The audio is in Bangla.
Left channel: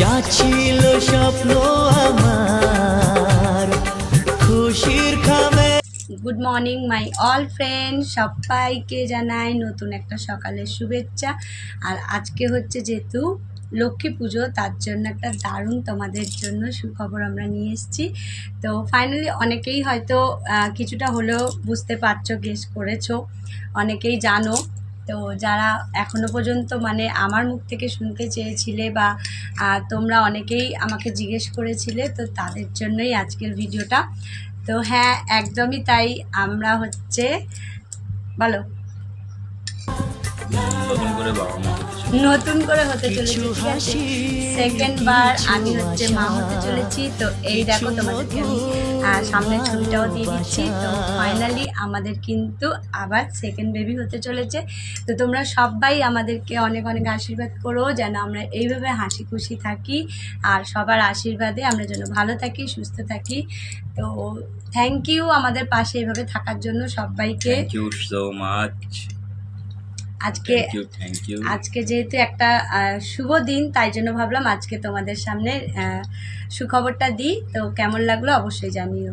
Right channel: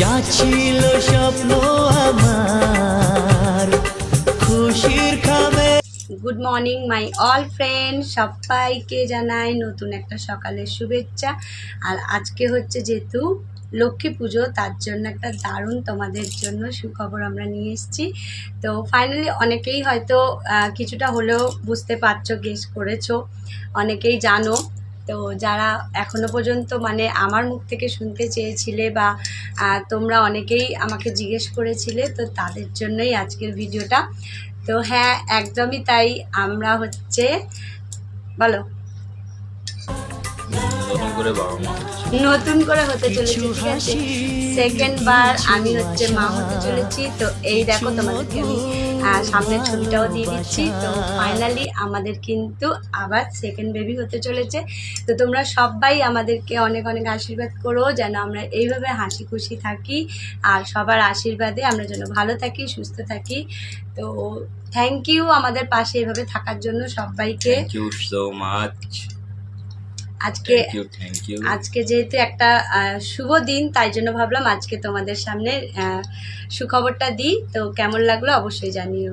যা ছিল স্বপ্ন আমার খুশির খামে। Good morning my all friend, সবাইকে জানাই নতুন একটা সকালের শুভেচ্ছা। আর আজকে হচ্ছে যেহেতু লক্ষ্মী পুজো, তার জন্য একটা দারুণ তোমাদের জন্য সুখবর আমরা নিয়ে এসেছি। তো ফাইনালি অনেকেই হয়তো কিছুটা হলেও বুঝতে পারছো, গেস করেছো, অনেকেই জানো। তো যারা এখনো পর্যন্ত মানে আমার মুখ থেকে শুনতে চেয়েছিলে বা তোমরা অনেকেই আমাকে জিজ্ঞেস করেছিলে, তো তাদের জন্যই আজকের ভিডিওটা। তো হ্যাঁ, একদমই তাই। আমরা হচ্ছে বলো নতুন করে হতে চলেছি, সেকেন্ড বার আমি হচ্ছে মা হতে চলেছি। তো এই দেখো তোমাদেরকে আমি সামনের ছবিটাও দিয়ে দিচ্ছি। তো ফাইনালি আমাদের কিন্তু আবার সেকেন্ড বেবি হতে চলেছে। তো তোমরা সবাই আমাদেরকে অনেক অনেক আশীর্বাদ করো যেন আমরা এইভাবে হাসি খুশি থাকি, আর সবার আশীর্বাদে আমরা যেন ভালো থাকি, সুস্থ থাকি। তো থ্যাংক ইউ আমাদের পাশে এইভাবে থাকার জন্য সবাইকে। Thank you so much. আজকে যেহেতু একটা শুভ দিন, তাই জন্য ভাবলাম আজকে তোমাদের সামনে সুখবরটা দিই। তো কেমন লাগলো অবশ্যই জানিও।